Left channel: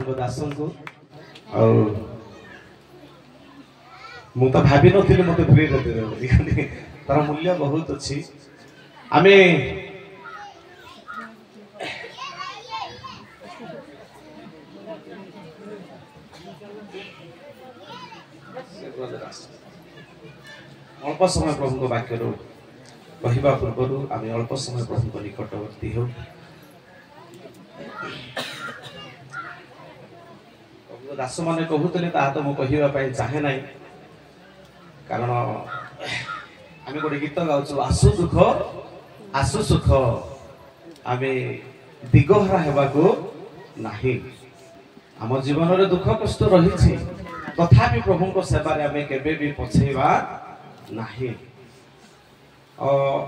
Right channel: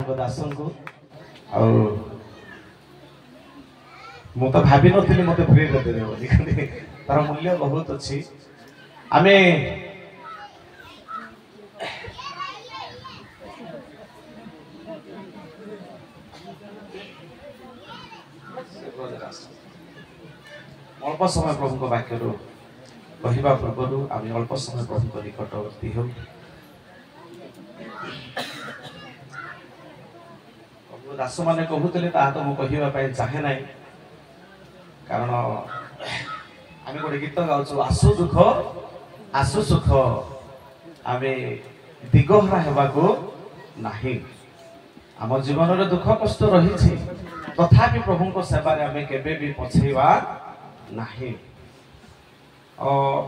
दासन को मु तो भाभी नी मत फ्री देते तार मूल्य बहुत अच्छी आम अल्प समय प्रभु वाक्य कहवा पूर्व आम अल्प समय प्रभु निकटवर्ती हो दास मैंने कहते तो मुझे चाहे ना कारण आम गोटे गीत गाँव आसु दुख आसु सुख आम दिगहरा होगा नहीं आम जीवन में दुख कष्ट रही तथापि प्रभु को सेवार आम के पछेवा नहीं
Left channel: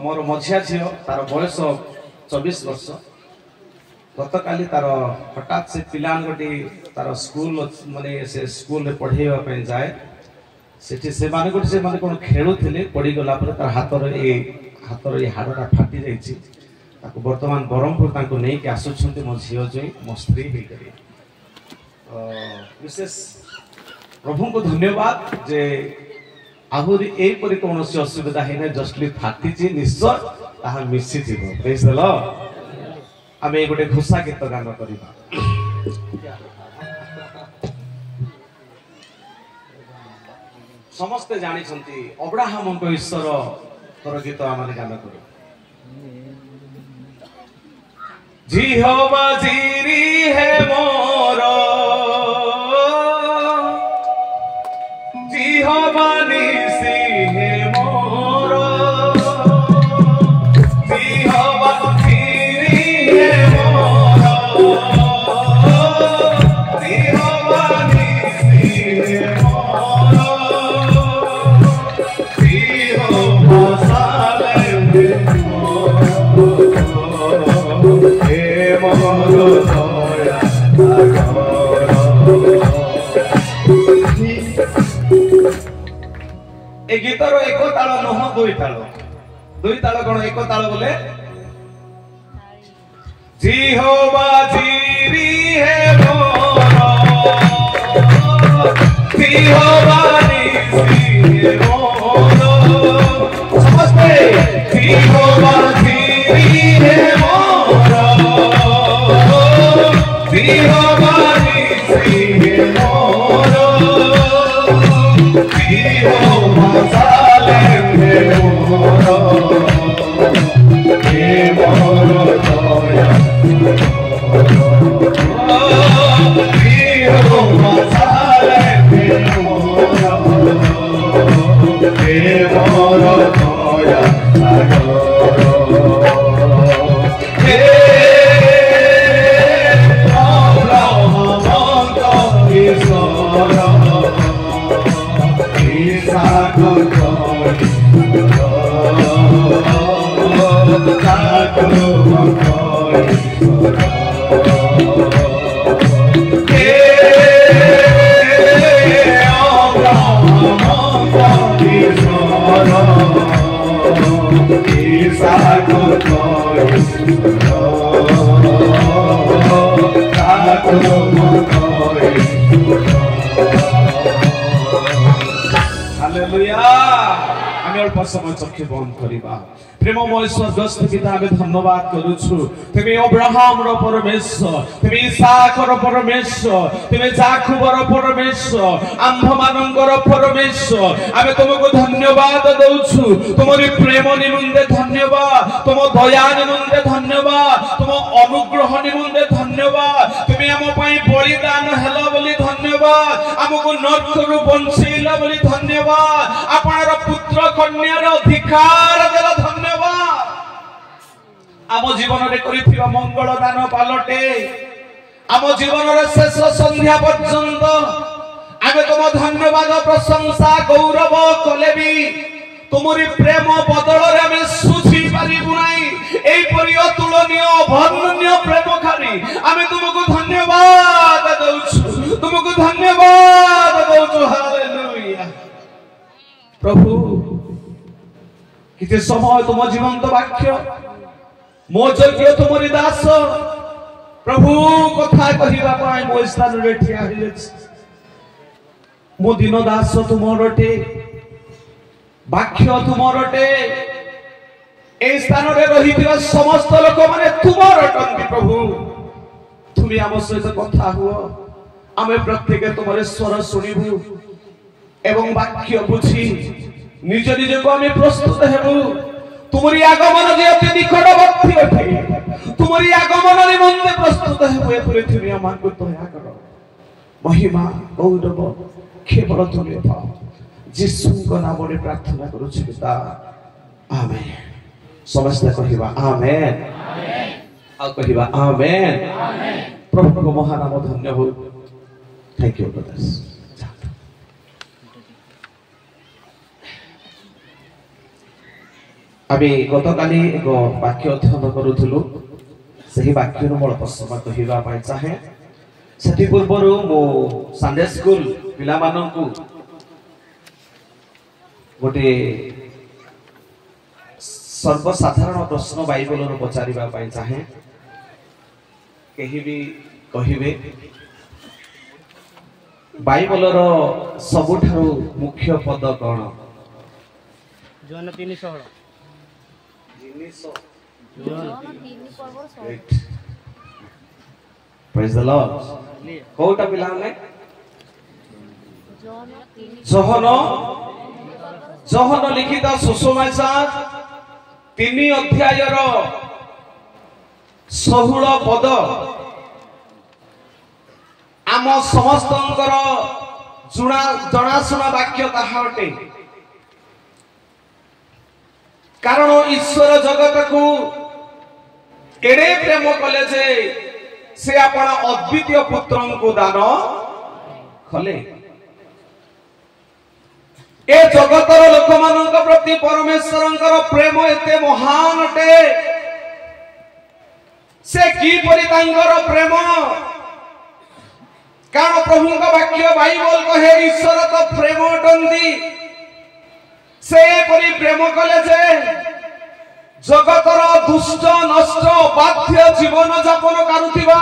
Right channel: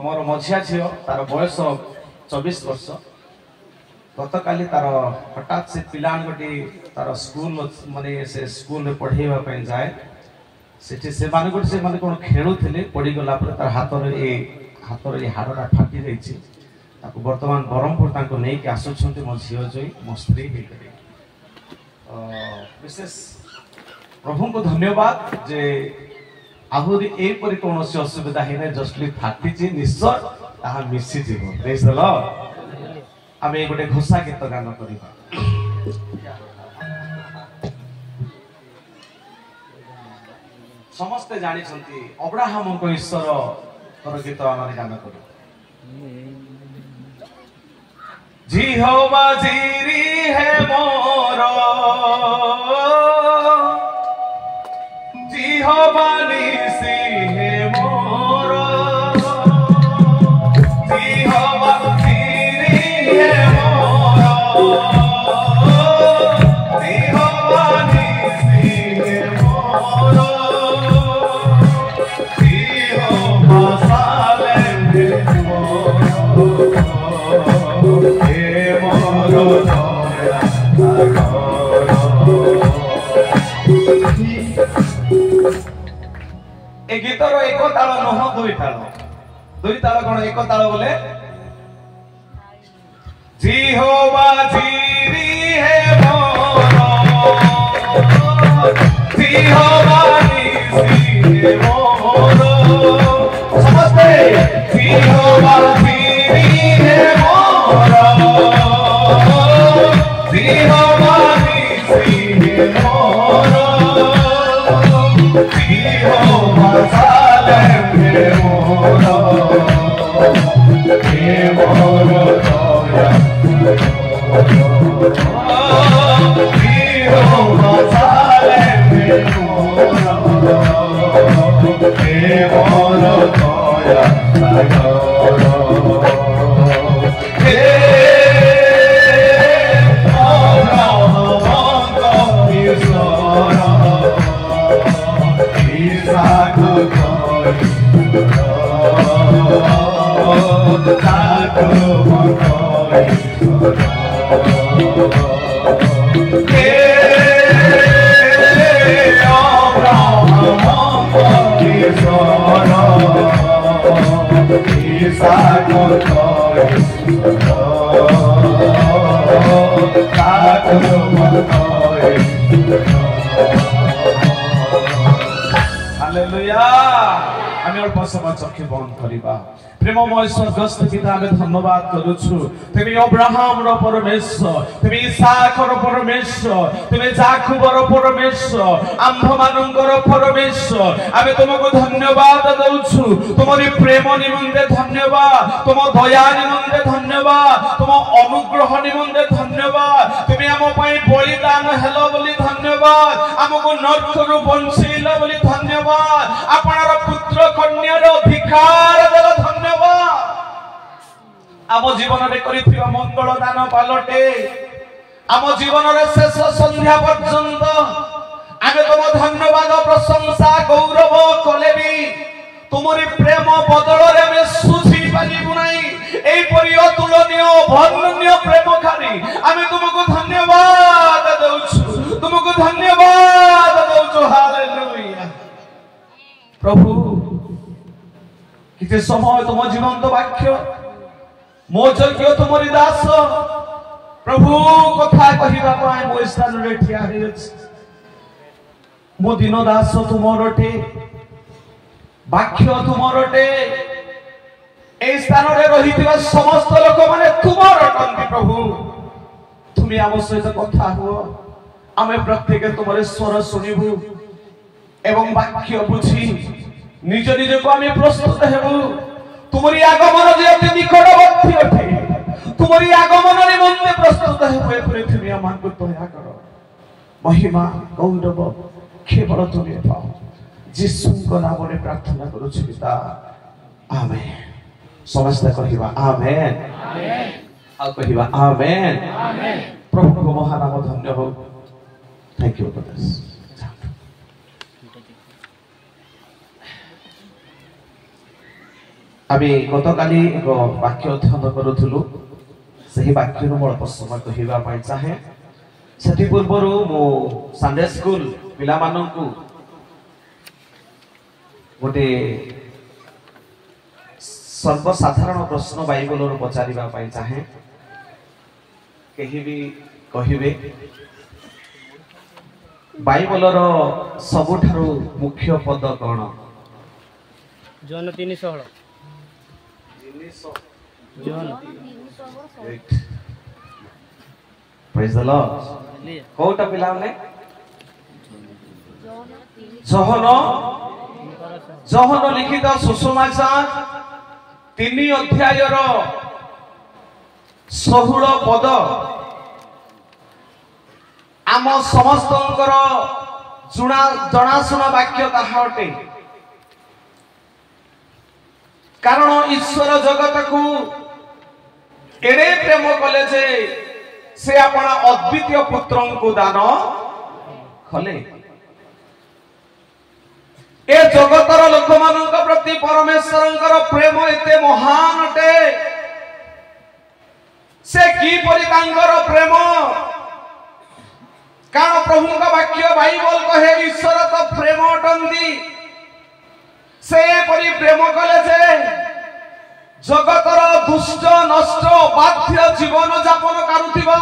मोर मझिया झील तार बयस 24 वर्ष गत काली तार हठात से पिला गोटे तार स्कूल माने से स्कूल में पढ़ेवा जाए से माने कौन खेलुले पड़गला तार हाथ हाड़टा फाटी जा बर्तमान ब्रह्मपुर नहीं कि आसुँच मो झी जो मो स्त्री विशेष प्रभु को धन्यवाद जे आहरी एपरी कौन असुविधा है जस्टली फाटी निश्चय ताहा मिसी जीव आम गोटे घोषा गीत गान करवा समस्ते जानी अब्राहम को ईश्वर तर गीत आम गान कर जिहोवा जीरी है मोर जिहोवा निसी है मोर जिहोवा जीरी है मोर जिहोवा निसी है मोर जिहोवा सालेम मोर हे मोर ए गीतर एक ताल नुह दुई ताल कौन एक ताल बोले जिहोवा जीरी है मोर जिहोवा निसी है मोर समस्ते जिहोवा जीरी है मोर जिहोवा निसी है मोर जिहोवा सालेम है मोर हे मोर दया जिहोवा सालेम है मोर हे मोर दया चक्षु बंद करवा प्रेममय स्वर्गस्थ पिता धन्यवाद करुछु तुम अब्राहम रो परमेश्वर तुम इसहाक रो परमेश्वर तुम याकूब रो परमेश्वर आंभ मानकर परमेश्वर आमे तुमको धन्यवाद दउछु तुमरी प्रेम निमंते धन्यवाद तुम दया निमंते धन्यवाद तुम अनुग्रह निमंते धन्यवाद तुम आम पई बलिदान हेलो बोली धन्यवाद हमको नरकरु बंचैलो बोली धन्यवाद आपनर पुत्र कन्यार अधिकार देला धन्यवाद आम जीवन में करिथिबा मंगल दान पालटे आम जीवन रे शेष संध्या पर्यंत आमे तुम धन्यवाद प्रशंसा गौरव कलेबी तुमरी प्रेम बदल रे में सुझी पारिबु नाही एई परि अतुलनीय वर्णनीय प्रेम खाली आमे तुमको धन्यवाद दउछु तुमको धन्यवाद दउछु हालेलुया प्रभु किते समय तुम जीवंत वाक्य मो यज्ञ तुमरी दास प्रभु कथा कहिबा पई मो स्थान रे ठिया हे मो दिन दास तुमरटे वाक्य तुमरटे ए स्थान रे रहिथिबा समस्त लोक माने तुमर अटंती प्रभु तुम आम सहित कथा हुओ आमे प्रत्येक तुमरे स्वर सुनिबु एवं वाक्य बुझी निज निज को आमे प्रस्तुत हेबु तुमरी आगमन जे अति निकटवर्ती अटे तुमरी आगमन निमंते प्रस्तुत हेबु ए पृथ्वी आमानकु दया करो महिमा गौरव केवल तुमे पाओ यीशुଙ୍କ नामରେ प्रार्थना करूछु पिता आमेन समस्त कहिबा आमेन आमेन आ कहिबा आमेन आमेन प्रभु को महानाम धन्य हो थैंक यू ब्रदर्स आबे गतकाली एक वाक्य अध्ययन करूथुलु सही वाक्य मूल प्रसंग कहिबा पई चाहे सेति पूर्वरु मो संडे स्कूल पिला माननकु गोटे सर्वसाधारण प्रश्न बाइबल रो पचारिबा पई चाहे केही भी कहिबे बाइबल रो सबुठारु मुख्य पद कोन जॉन 3:16 प्रेज द लॉर्ड कोटा पिलाने जोहन लिखित सुसमाचार 3 अध्याय रो 16 पद आम समस्तंकर जनाशुना वाक्य ताहा अटे कारण ईश्वर जगत को एडे प्रेम कले जे से अपना अद्वितीय पुत्र को दान कले ए जगतर लोक मानक प्रति परमेश्वरंकर प्रेम एते महान अटे से की परि तांकर प्रेम कारण प्रभु का वाक्य बाइबल कहे ईश्वर तो प्रेम अटंती से परि प्रेम कले जे जगतर दुष्ट नष्ट बाध्य जीवन यापन करुथिबा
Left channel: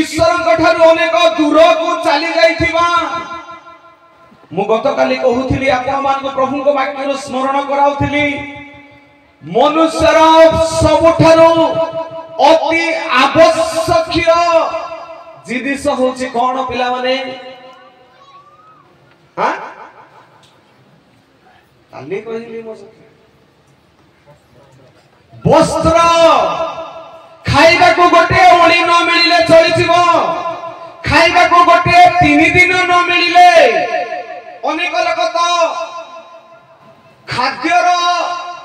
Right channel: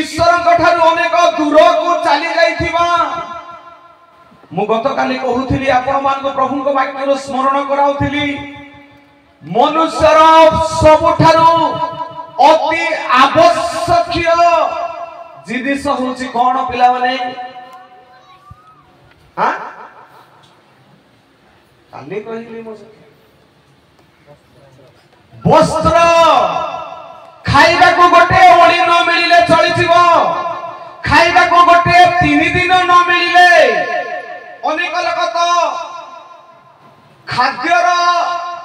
ईश्वर ठारू अनेक दूर को चली जाइथिबा मु गतकाली कहूथिली आपण मान प्रभु को वाक्य स्मरण कराउथिली मनुष्यर सबुठारू अति आवश्यक जिनिस होची कोन पिला माने हां काली कहिली मो वस्त्र खाइबा को गोटे ओळी न मिलिले चली जीवो खाइबा को गोटे 3 दिन न मिलिले अनेक लोक तो खाद्यर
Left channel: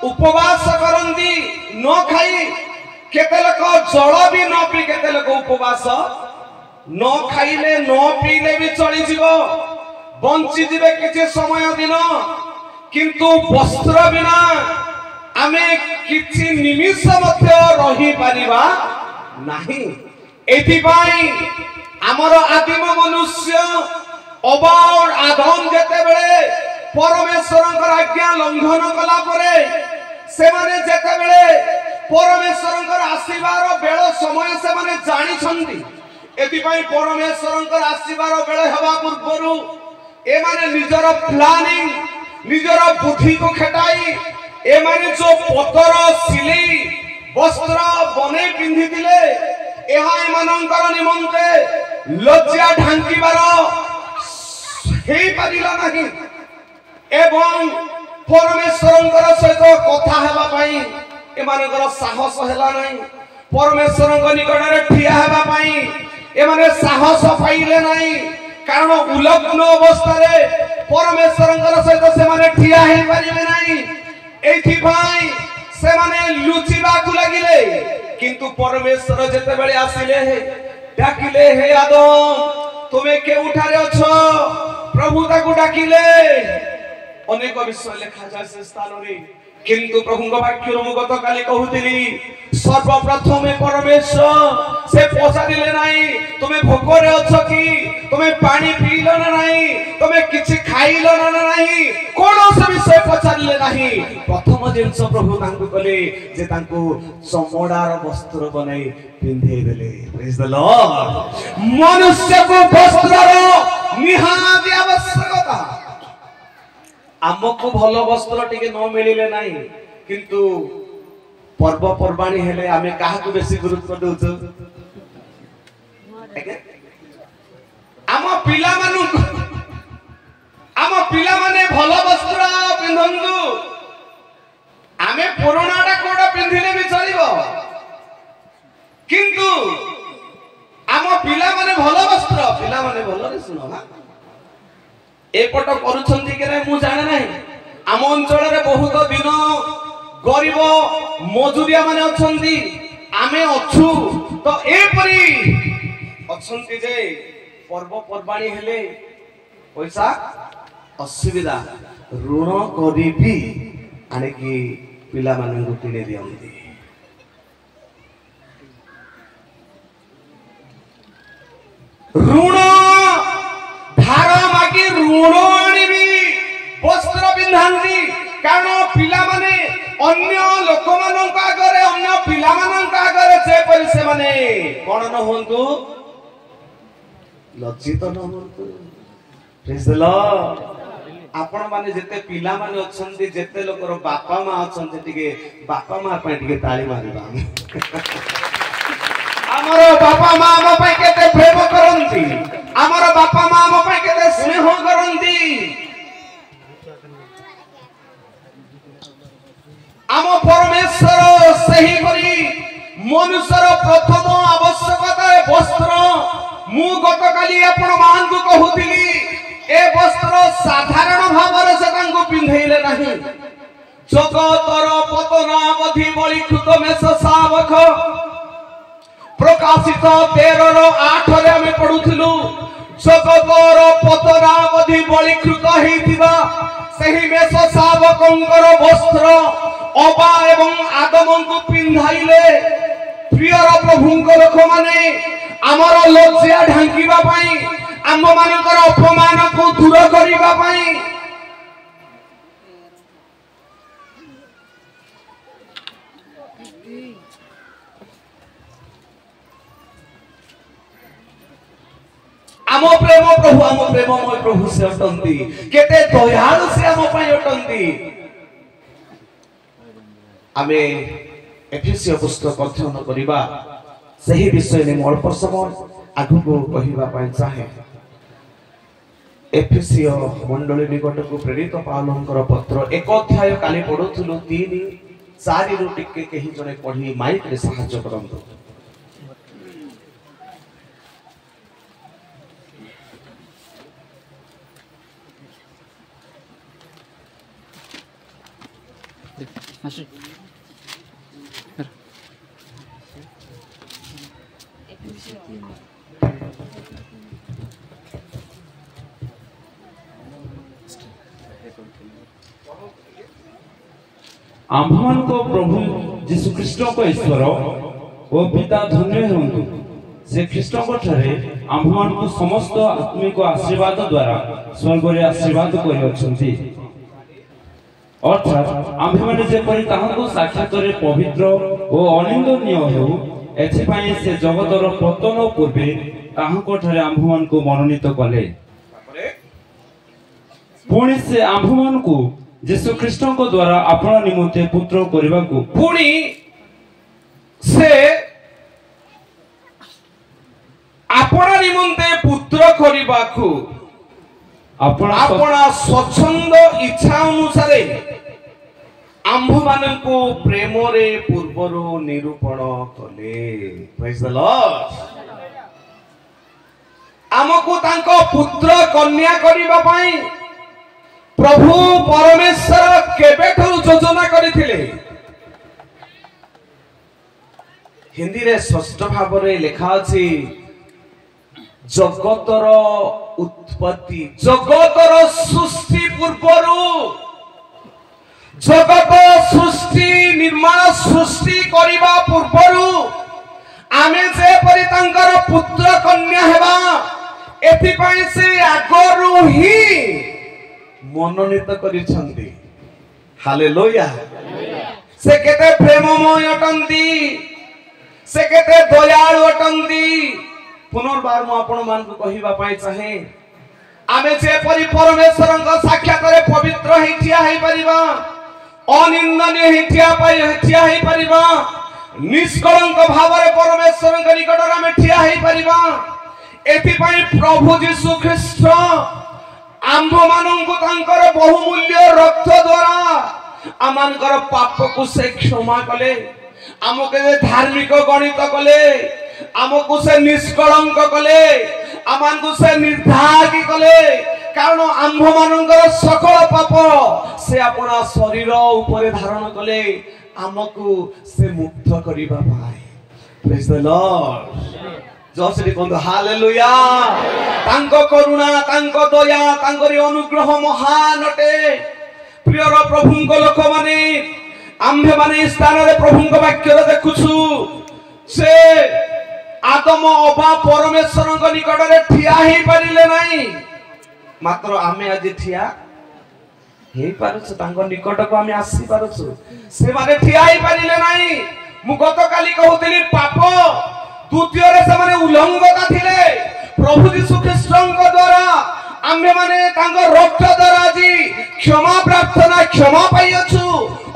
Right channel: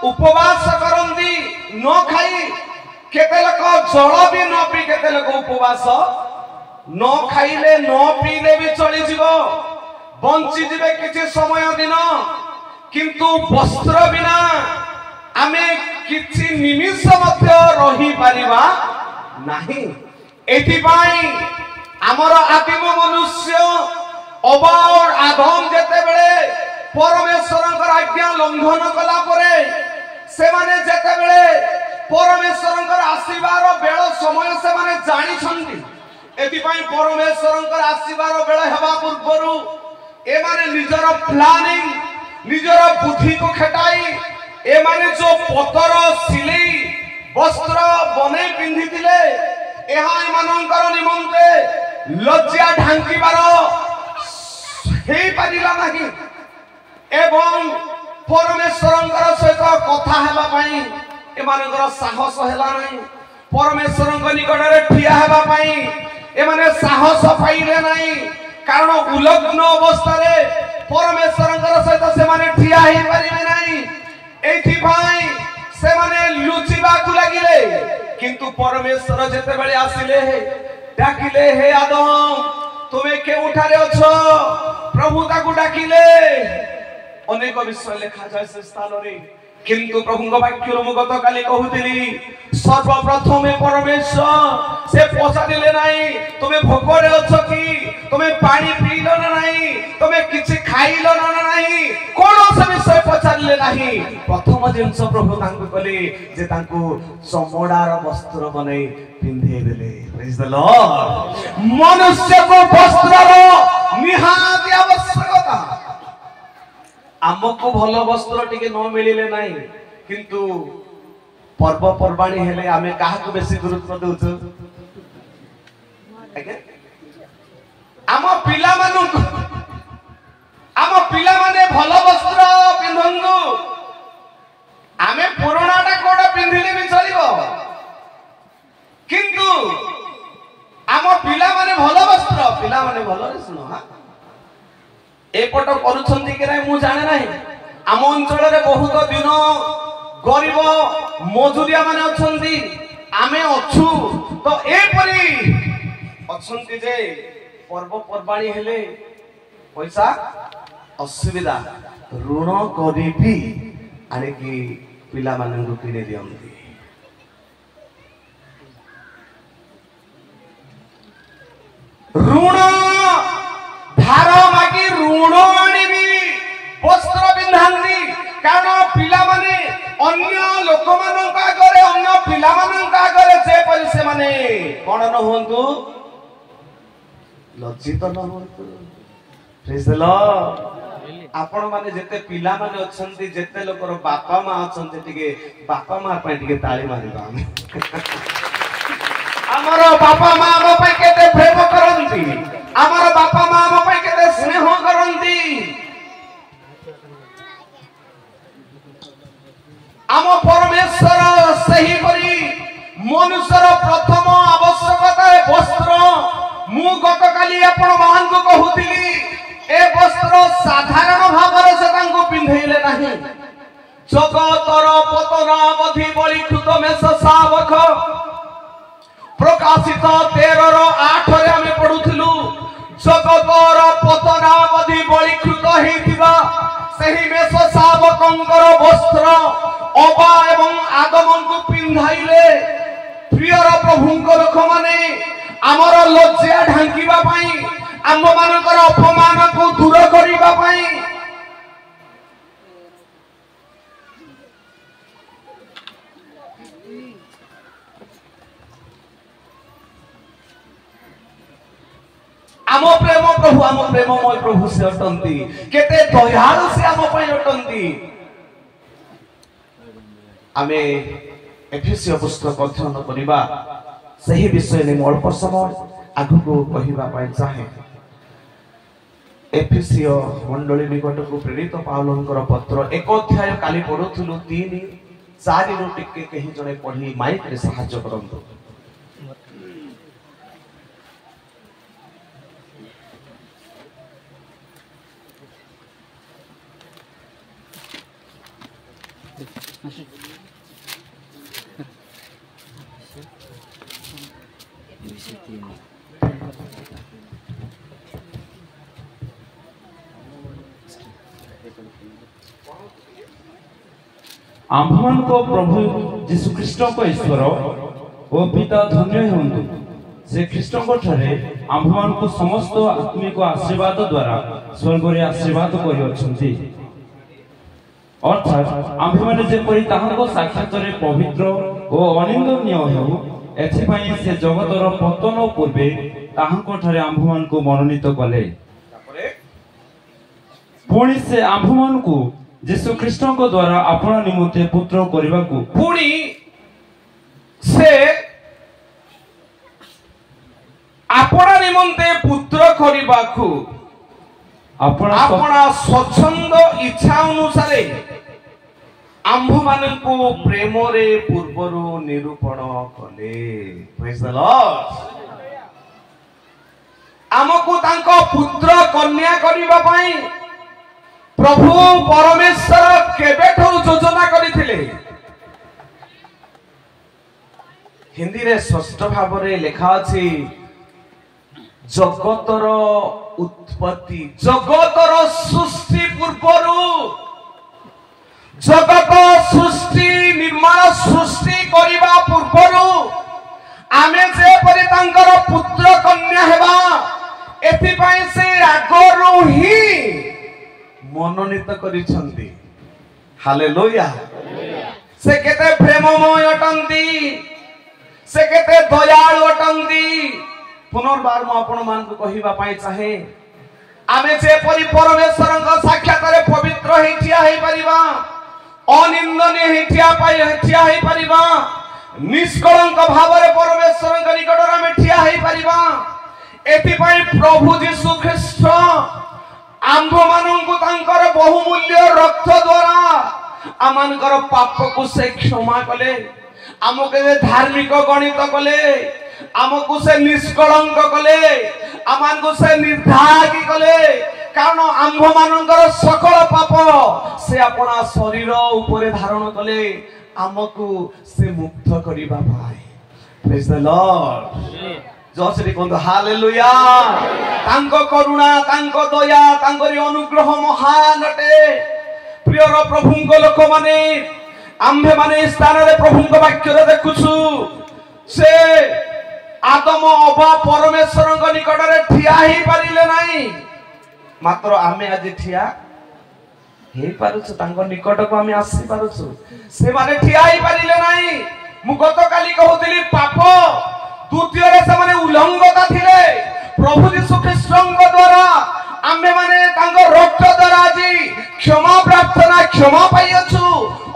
उपवास करंदी न खाई केते लोक जल भी न पी केते लोक उपवास न खाइले न पीले भी चली जीवो बंची जीवे किछि समय दिन किंतु वस्त्र बिना आमे किछि निमिष मध्य रही परिबा नाही एथि पई हमर आदिम मनुष्य अबार आदम जेते बेले परमेश्वरंकर आज्ञा लंघन कला परे से माने जेते बेले परमेश्वरंकर आशीर्वाद बेळ समय से माने जानि छंती एथि पई परमेश्वरंकर आशीर्वाद बेळ हेबा पूर्वरु ए माने निजर प्लानिंग निजर बुद्धि को खटाई ए माने जो पतर सिलेई वस्त्र बनै पिंधि दिले एहा एमानंकर निमंते लज्जा ढांकीबार हे परिला नाही एवं परमेश्वरंकर सहित कथा हेबा पई एमानंकर साहस हेला नाही परमेश्वरंक निकट रे ठिया हेबा पई एमाने साहस पाइले नाही कारण उलग्न अवस्था रे परमेश्वरंकर सहित से माने ठिया हे परिबे नाही एथि भाई से माने लुचिबा को लागिले किंतु परमेश्वर जेते बेले आसिले हे डाकिले हे आदम तुमे के उठारे अछो प्रभु ताकू डाकिले अनेक विषय लिखा जाय से स्थान रे किंतु प्रभु का वाक्य मु गत काली कहूतिली सर्वप्रथम परमेश्वर से पचारिले नाही तुमे भोकरे अछो कि तुमे पानी पीलो ना नाही तुमे किछि खाइलो ना नाही कोनो से विषय पचारिले नाही प्रथम जिनस प्रभु तांको कले जे तांको चमड़ार वस्त्र बनै पिंधे देले प्रेज द लॉर्ड मनुष्य को वस्त्रर निहाती आवश्यकता आमको भलो वस्त्र टिके न मिलिले नाही किंतु पर्व पर्वाणी हेले आमे काहाको बेसी गुरुत्व देउछु आम पिला माने भलो वस्त्र पिंधंदु आमे पुराणाटा कोडा पिंधिले भी चलिबो किंतु आम पिला माने भलो वस्त्र पिला माने भलो रे सुनो हा एपट करूछंती कि नै मु जाने नाही आम अंचल रे बहुत दिन गरीब मजुरिया माने अछंती आमे अछु तो एपरी अछंती जे पर्व पर्वाणी हेले पैसा असुविधा ऋण करी आनिकी पिला मानन को किने दियंती ऋण धार मागी ऋण आनिबी वस्त्र पिंधांती कारण पिला माने अन्य लोक मानन का आगरे अन्य पिला मानन का आगरे जे परि से माने कोन न होंतु लज्जित न होंतु प्रेज द लॉर्ड आपण माने जेते पिला माने अछंती जेते लोकर बापा मा अछंती टिके बापा मा पय टिके ताली मारिबा हमरो बापा मा हम पय केते प्रेम करंती हमरो बापा मा हम पय केते स्नेह करंती आम परमेश्वर सही करी मनुष्यर प्रथम आवश्यकता वस्त्र मु गतकाली आपण मान को कहूतिली ए वस्त्र साधारण भाव से तांको पिंधैले नाही जगतर पतनावधि बळी कृत मेष शावक प्रकाशित 13:8 रे हम पढुथिलु जगतर पतनावधि बळी कृत हेतिबा सही मेष शावकंकर वस्त्र अबा एवं आगमन को पिंधाइले प्रियर प्रभुंकर लोक माने हमर लज्जा ढांकीबा पई आम मानकर अपमान को दूर करिबा पई आम प्रेममय प्रभु से अटंती केते दयालु से आम पई अटंती आमे एफएससीय पुस्तक अध्ययन करिबा सही विषय ने अल्प समय आगु को कहिबा पई चाहे एफएससीय मंडली निकट को प्रेरित पावलंकर पत्र एक अध्याय काली पढुथुलु 3-4 रु टिके केहि जने पढी माइक रे सहाय्य करंतु आम्भमान को प्रभु जीशु कृष्ण को ईश्वर ओ पिता धन्य होंतु से कृष्ण को ठरे आम्भमान को समस्त आत्मिक आशीर्वाद द्वारा स्वर्ग रे आशीर्वाद करि अछंती अर्थात आम्भमान जे परि ताहाको साक्षात रे पवित्र ओ अनिंदनीय हेउ एथि पई से जगतर पतन पूर्वे ताहाको ठरे आम्भमान को मनोनीत कले पुणी से आम्भमान को जीशु कृष्ण को द्वारा अपना निमंते पुत्र करबा को पुणी से अपना निमंते पुत्र करबा को अपना स्वच्छंद इच्छा अनुसार आम्भ मानन को प्रेम रे पूर्वरु निरूपण कले प्रेज द लॉर्ड हमको तांको पुत्र कन्या करबा पई प्रभु परमेश्वर केबेठो योजना करिथिले हिंदी रे स्पष्ट भाव रे लिखा अछि जगतर उत्पत्ति जगतर सृष्टि पूर्वरु जगत सृष्टि निर्माण सृष्टि करिबा पूर्वरु आमे जे परि तांकर पुत्र कन्या हेबा एथि पई से आगरु ही मनोनीत करिछंती हालेलुया से केते प्रेममय अटंती से केते दयालु अटंती पुनर्बार मु आपण मान को कहिबा पाई चाहे आमे जे परि परमेश्वर को साक्षात रे पवित्र हिठिया हे परिबा अनिंदनीय हिठिया हे परिबा निष्कलंक भाव रे परमेश्वर के निकट रे आमे ठिया हे परिबा एथि पई प्रभु यीशु ख्रीष्ट आंभ मानंकु तांकर बहुमूल्य रक्त द्वारा आमानकर पाप को से क्षमा कले आमके धार्मिक गणित कले आमको से निष्कलंक कले आमानकु से निर्धारी कले कारण आंभ मानंकर सकल पाप से अपना शरीर ऊपर धारण कले आमको से मुक्त करिबा पाए प्रेज द लॉर्ड जोसरी कोंदो हालेलुया तांको करुणा तांको दया तांकरी अनुग्रह महान अटे प्रिय प्रभुंको लोक माने आम्भे माने स्थान रे प्रभुंको वाक्य रे देखुछु से आदम अबा परमेश्वरଙ୍କ निकटरे ठिया हे परिले नाही मात्र आमे आज ठिया हे पारुछु तांको निकटको आमे आसी पारुछु से माने ठिया हे परिले नाही मु गत काली कहउतली पाप द्वितीय रे से माने उल्लंघता थिले प्रभु यीशु ख्रीष्टଙ୍କ द्वारा आमे माने तांको रक्त द्वारा जी क्षमा प्रार्थना क्षमा पाइयछु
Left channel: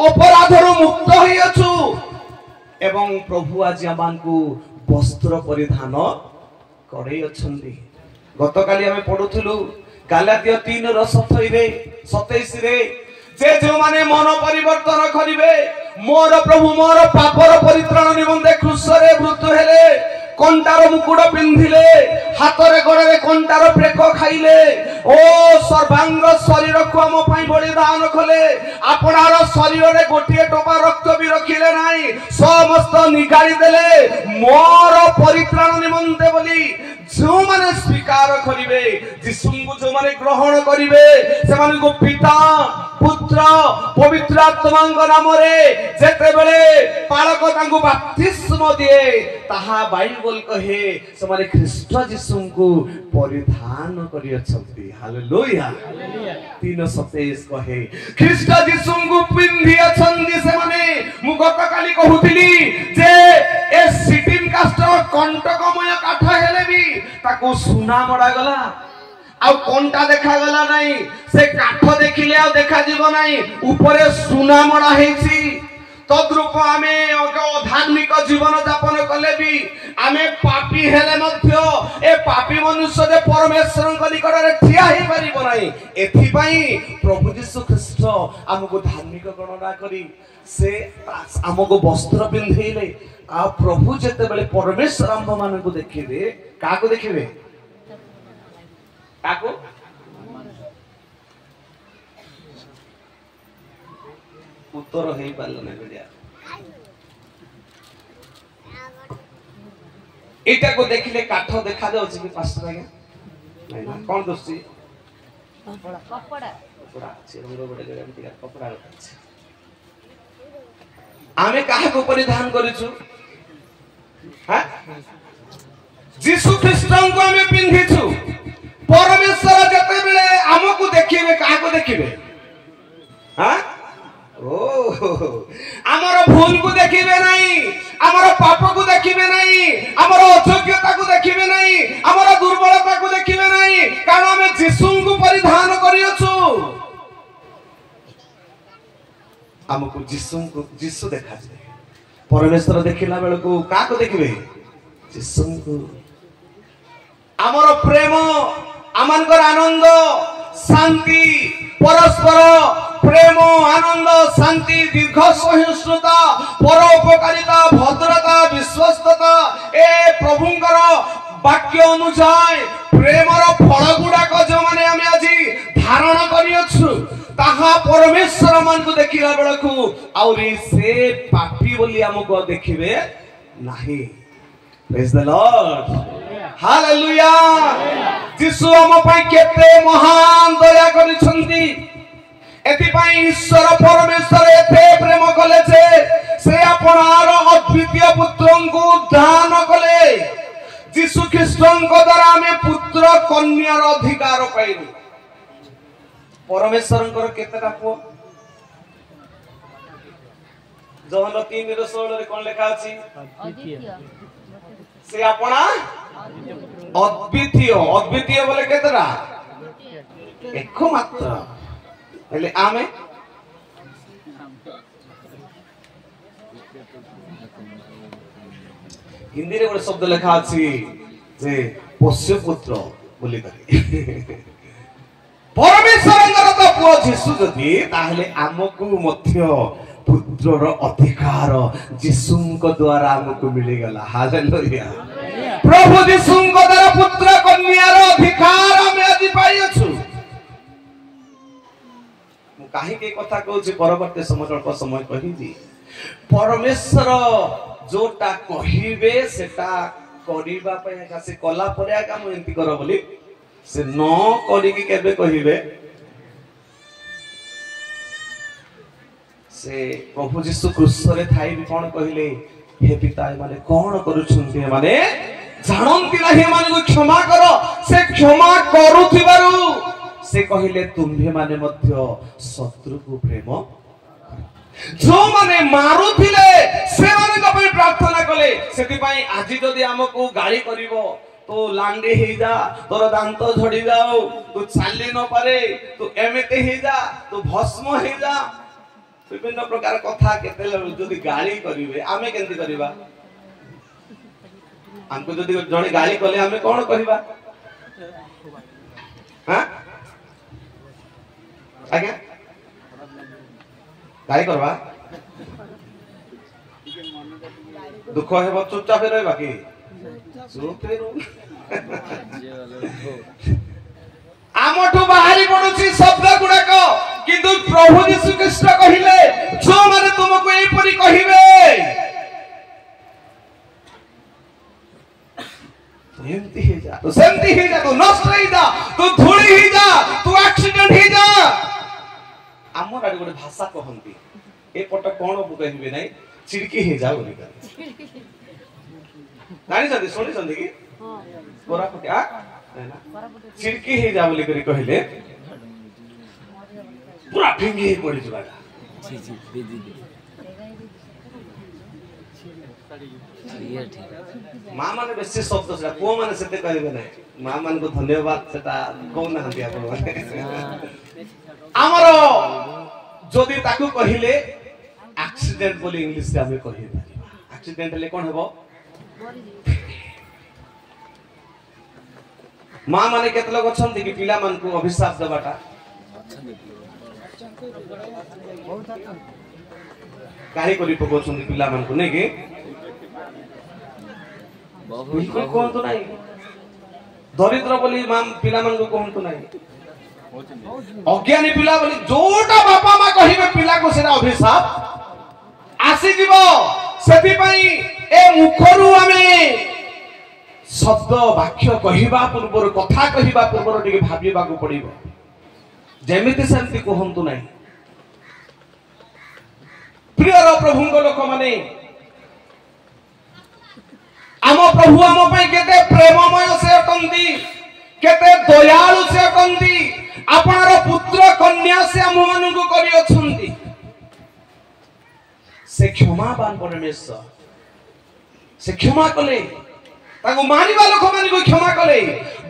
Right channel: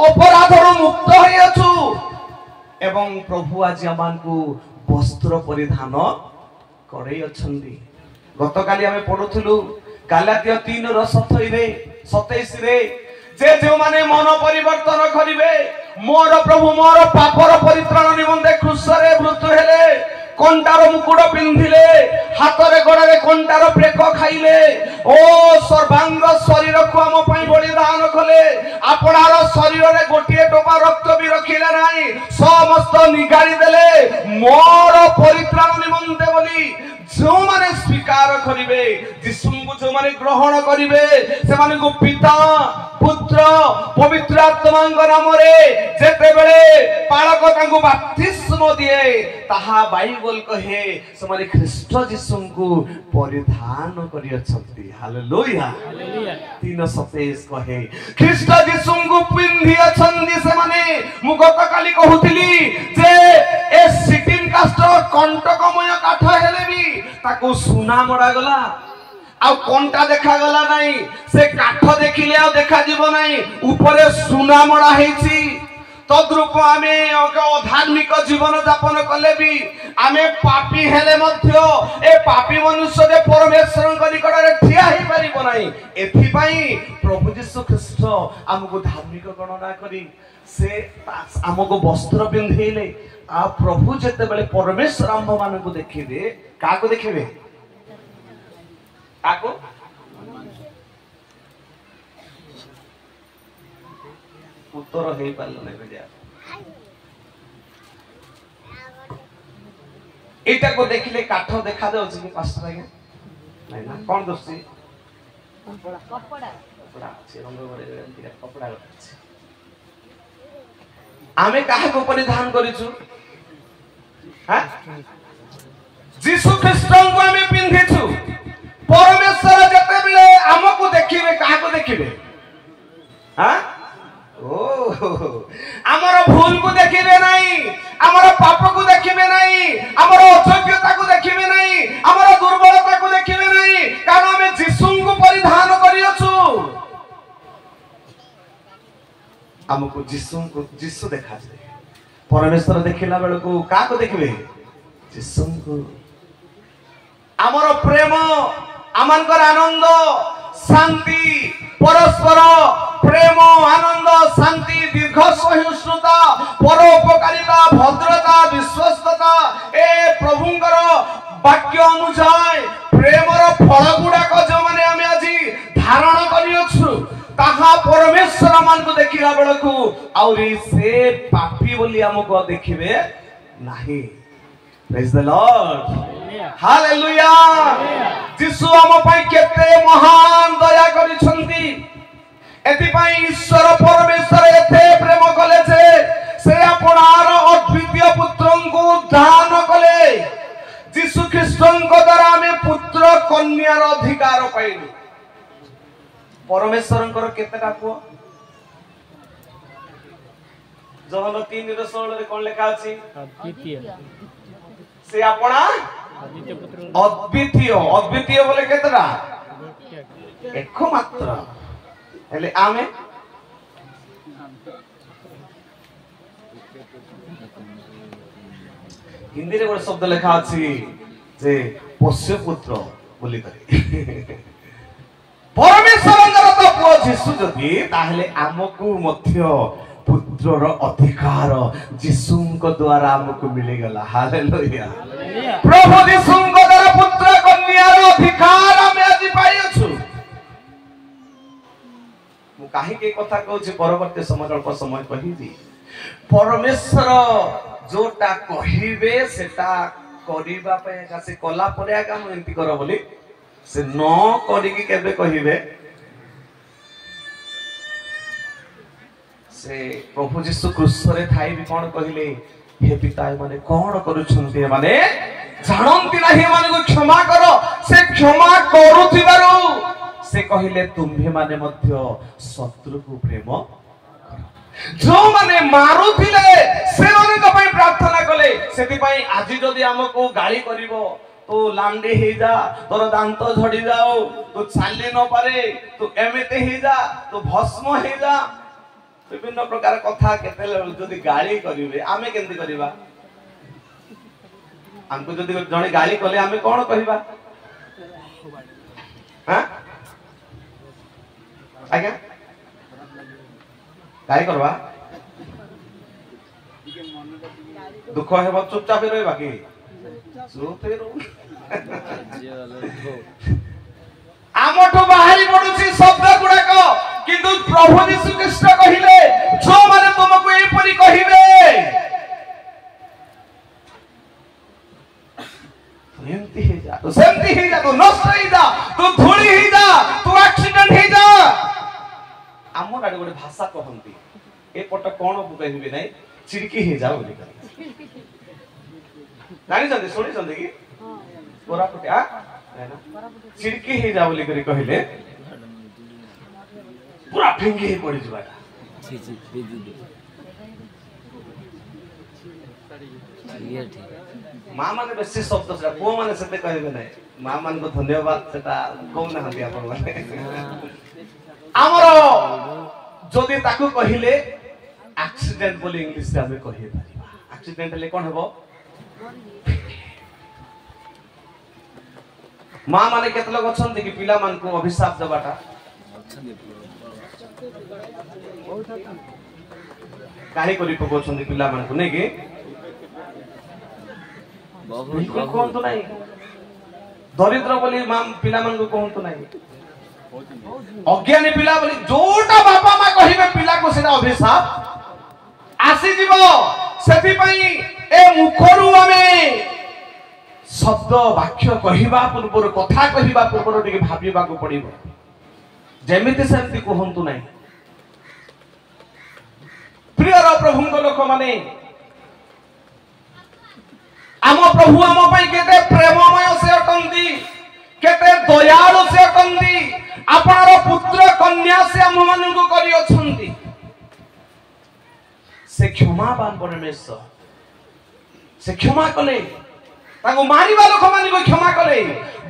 अपराधरो मुक्त होइयछु एवं प्रभु आज आमानकु वस्त्र परिधान करे अछंदी गत काली हमें पढुथुलु गालातिया 3 र 27 रे जे माने मन परिवर्तन करिवे मोर प्रभु मोर पापर परित्राण निमंते क्रूसरे मृत्यु हेले कंटार मुकुट पिंधिले हाथ रे गड़े कंटार प्रेक खाइले ओ सर्वांग शरीर को हम पई बलिदान कले आपनार शरीर रे गोटिए टोपा रक्त भी रखिले नाही समस्त निगाली देले मोर परित्राण निमंते बोली जो माने स्वीकार करिवे यीशु को जो माने ग्रहण करिवे से माने को पिता पुत्र पवित्र आत्माଙ୍କ नामरे जेते बेले पालक तांको बपतिस्म दिए ताहा बाइबल कहे से माने ख्रीष्ट यीशु को परिधान करि अछंती हालेलुया 3:27 कहे ख्रीष्ट यीशु को पिंधि अछंती से माने मु गत काली कहउतली जे ए सिटिंग कास्टर कंटकमय काठ हेले भी ताको सुना मडा गला आ कोनटा देखा गला नाही से काठ देखिले आ देखा जीवो नाही ऊपरे सुना मडा हेछि तद्रूप आमे धार्मिक जीवन यापन कले भी आमे पापी हेले मध्य ए पापी मनुष्य जे परमेश्वर निकट रे ठिया हे परिबो नाही एथि पई प्रभु यीशु ख्रीष्ट हमको धार्मिक गणना करी से हमको वस्त्र पिंधेले आ प्रभु जेते बेले परमेश्वर हम मानकु देखिबे काको देखिबे काको उत्तर हेई पारलो नै बेडिया एटा को देखिले काठ देखा जाउ कि पास्टर आगे नै ना कोन दोस्ती कपड़ा से रंग बडे गरे कपड़ा अछि आमे काहे को परिधान करिछु हां यीशु ख्रीष्टन को आमे पिंधिछु परमेश्वर जते बेले हमकु देखिबे काको देखिबे हां ओ हमर भूल को देखिबे नाही हमर पाप को देखिबे नाही हमर अयोग्यता को देखिबे नाही हमर दुर्बलता को देखिबे नाही कारण हम यीशु को परिधान करियछु हमको यीशु देखा जाए परमेश्वर देखिला बेल को काको देखिबे यीशु को हमर प्रेम आमनकर आनंद शांति परस्पर प्रेम आनंद शांति दीर्घ सहिष्णुता परोपकारिता भद्रता विश्वस्तता ए प्रभुंकर वाक्य अनुसार प्रेमर फल गुडाक जो माने आमे आजी धारण करियछु ताहा परमेश्वर मान को देखिला बेलकु आउरी से पापी बोली हमको देखिबे नाही प्रेज द लॉर्ड हालेलुया यीशु हम पई केते महान दया करिसंती एति पई ईश्वर परमेश्वर एते प्रेम कले से आपनार अद्वितीय पुत्रंकु दान कले यीशु ख्रीष्टंक द्वारा हमें पुत्र कन्यार अधिकार पाइलु परमेश्वरंकर केतेटा पुओ जहन 3:16 रे कोन लेखा अछि अद्वितीय से अपना अद्वितीय पुत्र अद्वितीय अद्वितीय बोले केतरा एक मात्र हेले आमे हिंदी रे गोटे शब्द लेखा अछि जे पोष्य पुत्र बोली करे परमेश्वरंगर तो पुओ जीसु जदि ताहले आमकु मध्य पुत्रर अधिकार जीसुंक द्वारा हमको मिल गला हालेलुया प्रभु जीसुंक द्वारा पुत्र कन्यार अधिकार हमें आज पाई अछु मु काहे के कथा कहू छी परवर्ती समय अल्प समय कहिबी परमेश्वर जोटा कहिबे सेटा करिबा पे से कला परे आका मु एंती कर बोली से न करी के केबे कहिबे से प्रभु जीसु क्रूस रे थाई भी कोन कहिले हे पिता माने कोन करूछन्ती माने जानंती नाही माने को क्षमा करो से क्षमा करूथिबारु से कहिले तुम्हे माने मध्य शत्रु को प्रेम जो माने मारुथिले से माने को पई प्रार्थना कले सेति पई आजि जदी हमको गाली करिवो तो लांडे हे जा तोर दांत झड़ी जाओ तू चाली न पारे तू एमेते हे जा तू भस्म हे जा विभिन्न प्रकार कथा केते जदी गाली करिवे आमे केंती करिबा हमको जदी जणे गाली कले आमे कोन कहिबा हां आज्ञा गाली करबा दुख हेबो चुपचाप रहबा की चुप हेरो आमठो बाहरी पडुची शब्द गुडक किंतु प्रभु यीशु कृष्ण कहिले जो माने तुमको ए परी कहिबे सेमती ही जा तू नष्ट ही जा तू धूली ही जा तू एक्सीडेंट ही जा आमर आडे गोटे भाषा कहंती ए पट कोन बुकहिबे नै चिड़की ही जा बोली नानी जदी सुनी जदी की पोरा फटिया ना चिड़की ही जा बोली करी कहिले पूरा फिंगी ही पड़ी जबाटा मां माने बेसी शब्द से को माने सेते कहबे नै मां मान को धन्यवाद सेटा को ना हदिया को हमरो जदी ताकू कहिले एक्सीडेंट बोली इंग्लिश रे हमें कहि परिबा एक्सीडेंट ले कोन हेबो मां माने केत लोग अछंती कि पिला मान को अभिशाप देबाटा काहे करी पकोछंती पिला मान को नै के बिल्कुल कोहंतु नाही दरिद्र बोली मां पिला मान को कोहंतु नाही अज्ञानी पिला बोली जोटा बापा मां कहिबे पिला को सेना अभिशाप आसी जीवो सेति पई ए मुखरु हमें शब्द वाक्य कहिबा पूर्वर कथा कहिबा पूर्वर टिके भाबिबा को पड़िबो जेमिति सेमति कोहंतु नाही प्रिय प्रभु को लोक माने आम प्रभु आम पई केते प्रेममय से अटंती केते दयालु से अटंती आपनर पुत्र कन्या से हम मानु को करी अछंती से क्षमावान परमेश्वर से क्षमा कले ताको मानिबा लोक माने को क्षमा कले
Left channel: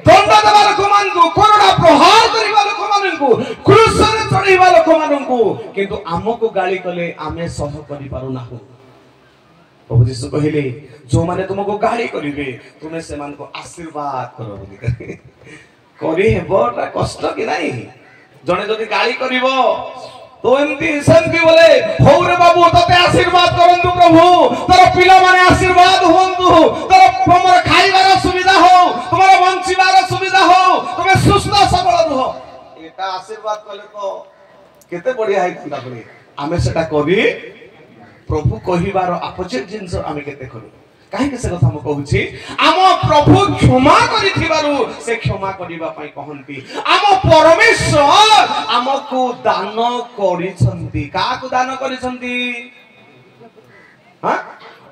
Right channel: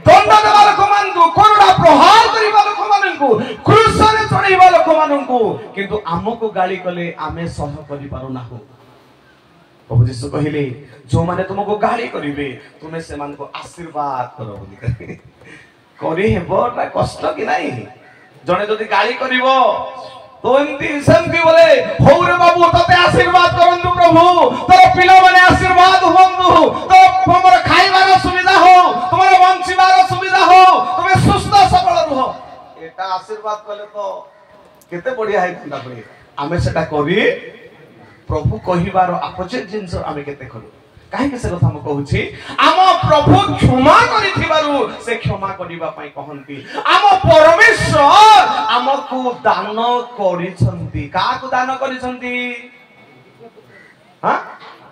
दंड देबा लोक मान को कोरडा प्रहार करिबा लोक मान को क्रूस रे चढ़ीबा लोक मान को किंतु हमको गाली कले आमे सह करि पारु नाहु प्रभु यीशु कहिले जो माने तुमको गाली करिवे तुमे से मान को आशीर्वाद करो बोली करी हेबोटा कष्ट कि नाही जणे जदी गाली करिवो तो एमती सेमती बोले होरे बाबू तते आशीर्वाद करंतु प्रभु तोर पिलो माने आशीर्वाद होंतु तो हमर खाइबार सुविधा हो तुम्हारा वंचिबार सुविधा हो तुमे सुस्थ सबल रहो एटा आशीर्वाद कले तो केते बढ़िया है तुला बढिया आमे सेटा करी प्रभु कहिबार अपोजिट जिंस आमे केते करू काहे के से कथा म कहूची आम प्रभु क्षमा करिथिबारु से क्षमा करिबा पई कहंती आम परमेश्वर हमकु दान करिसंती काकु दान करिसंती हां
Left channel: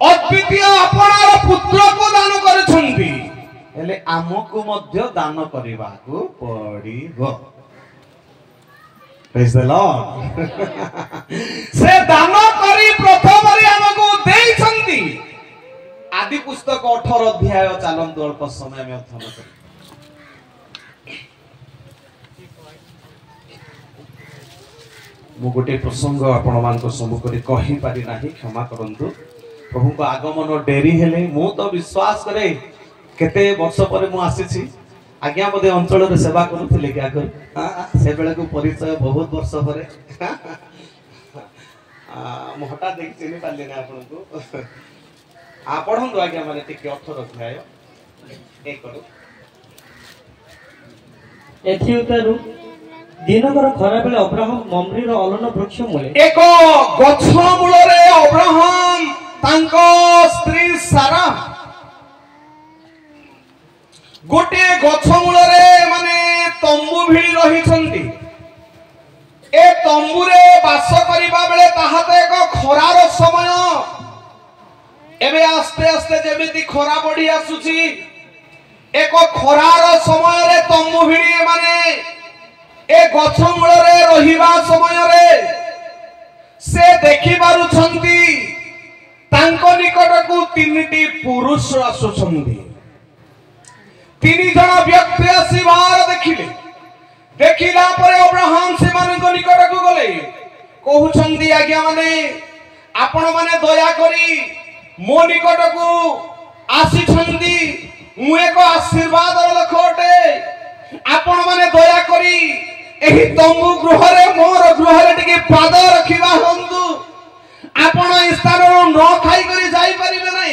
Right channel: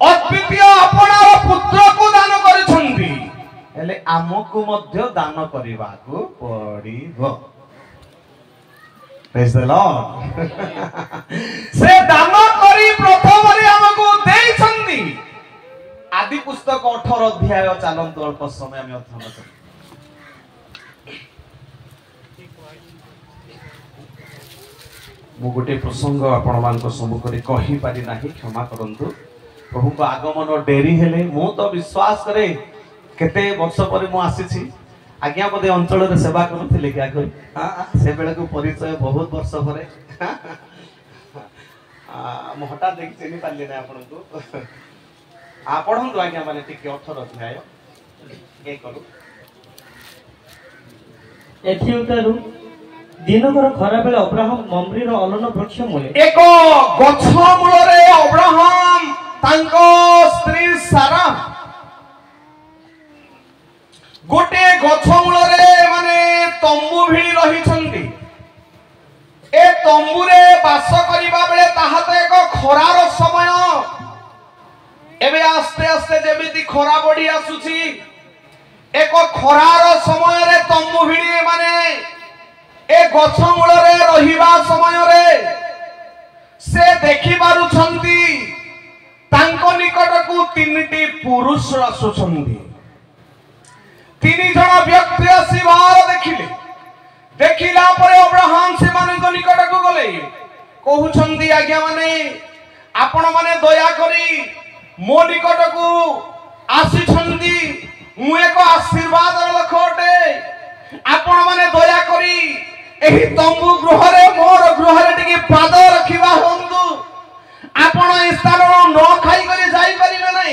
अद्वितीय अपनार पुत्र को दान करिसंती हेले आमकु मध्य दान करिबाकू पड़िबो Praise the Lord. से दान करी प्रथम हमको देइछंती। आदि पुस्तक 18 अध्याय चलंतु अल्प समय में अध्ययन करी। मु गोटे प्रसंग आपण मान को सम्मुख रे कहि पारि नाही, क्षमा करंतु। प्रभु को आगमन डेरी हेले मु तो विश्वास करे केते वर्ष पर मु आसीछि। आज्ञा मधे अंचल रे सेवा करूथिले क्या कर से बेले को परिचय बहुत वर्ष पर मु हटा देख चिनि पाले ना आपण को आ पढंतु आज्ञा माने टिके 18 अध्याय ए करू एथि उतारु दिनकर खरा बेले अब्राहम मम्रीर अलन वृक्ष मूले एक गछ मूलरे अब्राहम तांको स्त्री सारा गोटे गछ मूलरे माने तंबू भिड़ी रही छंती। ए तंबूरे बास करिबा बेले ताहाते एक खरार समय एबे आस्ते आस्ते जेमिति खरा बढ़ी आसुची एक खरार समय रे तंबू भिड़ी माने ए गछ मूलरे रहिबा समय रे से देखि पारुछंती तांको निकटकू तीनटी पुरुष आसुछंती। तीन जन व्यक्ति आसीबार देखिले। देखिला परे अब्राहम से मानको निकटकू गले कहउछंती आज्ञा माने आपण माने दया करी मो निकटकू आसीछंती। मु एक आशीर्वाद लखोटे आपण माने दया करी एही तंबू गृहरे मोर गृहरे टिके पाद रखिबा हंतु। आपण ए स्थान न खाई करी जाई परिबे नै।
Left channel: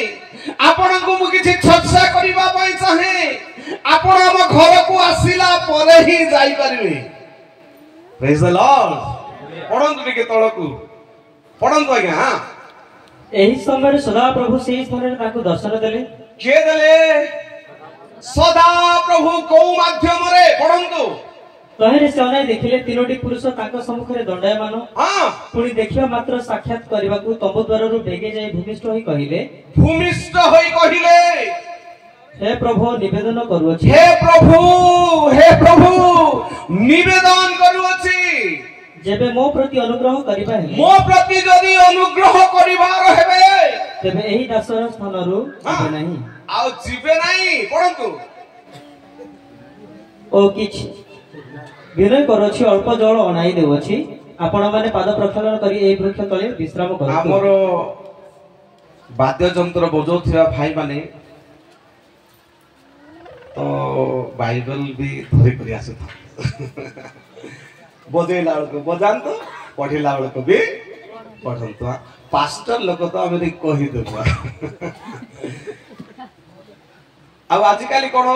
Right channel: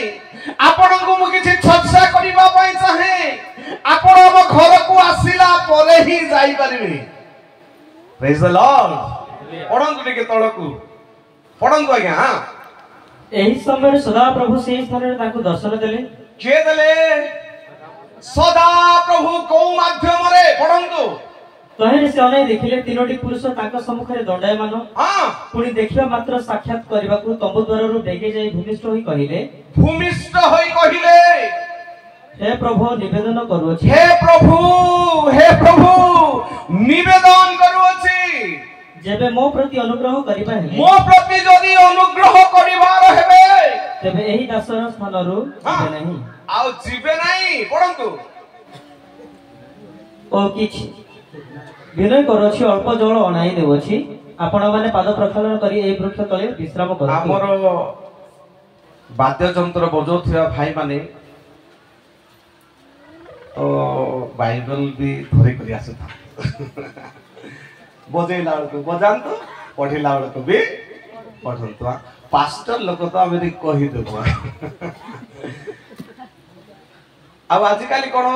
आपण को मु किछि छत्सा करिबा पई चाहे आपण हम घर को आसीला परे ही जाई परिबे। Praise the Lord. पढंतु टिके तळकू पढंतु आज्ञा। हां एही समय सदा प्रभु से स्थान रे ताकू दर्शन देले। के देले? सदा प्रभु को माध्यम रे पढंतु। तहेरे से अनै देखिले तीनोटी पुरुष ताका सम्मुखरे दंडायमान। हां पुणी देखिबा मात्र साक्षात करबाकू तंबू द्वाररु बेगे जाई भूमिष्ठ होई कहिले हे प्रभु निवेदन करूछि। हे प्रभु निवेदन करूछि जेबे मो प्रति अनुग्रह करिबा हे मो प्रति जदी अनुग्रह करिबार हेबे तेबे एही दासर स्थानरु जिबे नाही आ जिबे नाही। पढंतु ओ किछि विनय करछि अल्प जल अनाई देवछि। आपण माने पाद प्रक्षालन करी एही वृक्ष तले विश्राम करु। हमर वाद्य यंत्र बजौथिया भाई माने तो बाइबल भी धरे करी आसता बजेला को बजांतो पढिला को भी पढंतो। पास्टर लोक तो आमे कहि देबो। अब आजिकाली कोन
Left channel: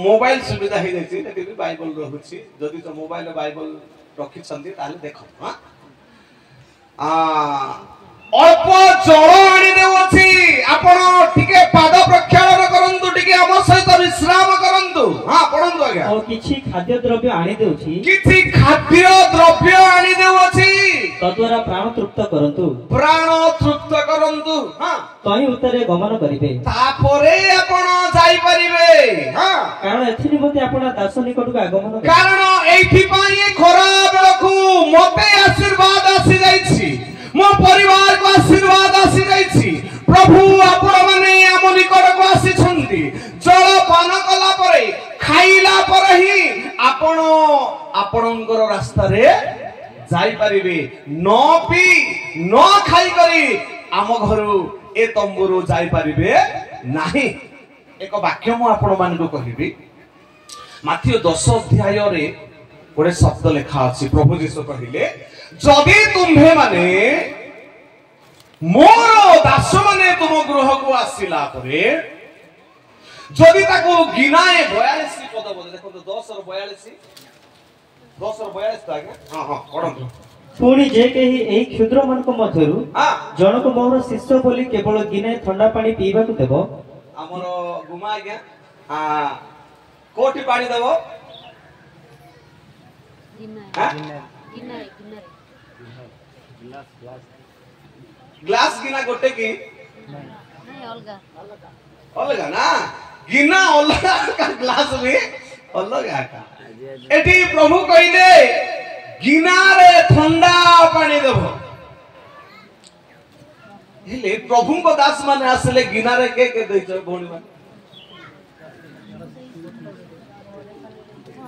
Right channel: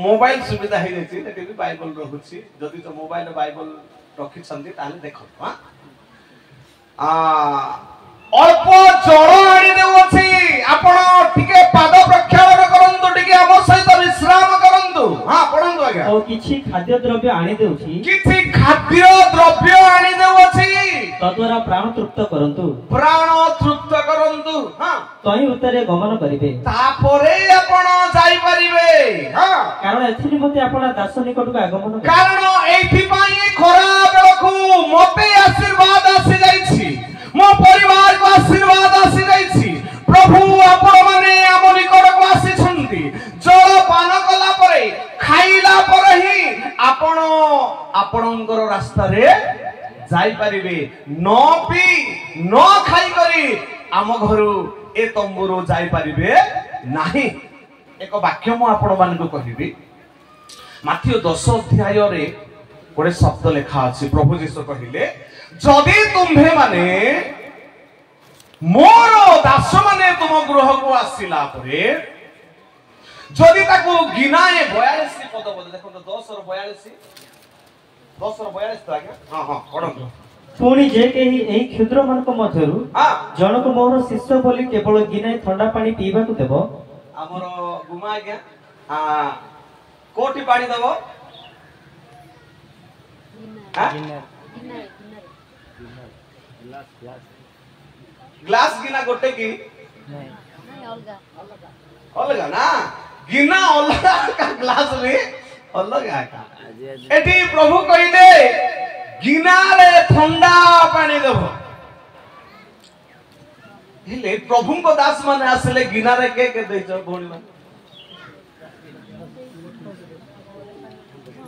मोबाइल सुविधा हे जायछि नेति भी बाइबल रहुछि। जदि तो मोबाइल बाइबल रखि छंदी ताले देखो। हां अल्प जल आनी देउछि। आपण टिके पाद प्रक्षालन करंतु टिके हम सहित विश्राम करंतु। हां पढंतु आज्ञा। ओ किछि खाद्य द्रव्य आनी देउछि। किछि खाद्य द्रव्य आनी देउछि तद्वारा प्राण तृप्त करंतु। प्राण तृप्त करंतु। हां तही उतरे गमन करिवे। तापरे आपण जाई परिबे। हां कारण एथि निमते आपण दास निकटक आगमन करिवे। कारण एथि पई खरा बेलखु मते आशीर्वाद आसी जाईछि। मो परिवार को आशीर्वाद आसी जाईछि। प्रभु आपण माने हम निकट को आसी छंती। जल पान कला परे खाइला परे ही आपण आपणकर रास्ता रे जाई परिबे। न पी न खाई करी आम घरु ए तंबुरु जाई परिबे नाही। एक वाक्य मु आपण मान को कहिबी। माथ्यू 10 अध्याय रे गोटे शब्द लेखा अछि। प्रभु यीशु कहिले जदि तुम्हे माने मोर दास माने तुम गृह को आसीला परे जदि ताको गिनाए 42 पद बोले देखो 10 और 42 तो आज्ञा। हां हां पढंतु। पुणी जे केही एही क्षुद्र मानक मध्यरु हां जनक मोर शिष्य बोली केवल गिनाए ठंडा पानी पीबा को देबो। हमर गुमा आज्ञा कोठी पानी देबो। ग्लास गिना गोटे की अलगा ना गिना अलगा का ग्लास में अलगा का एटी प्रभु कहिदे गिनारे ठंडा पानी देव हेले प्रभु को दास माने आसले गिनारे के देछ भौणी माने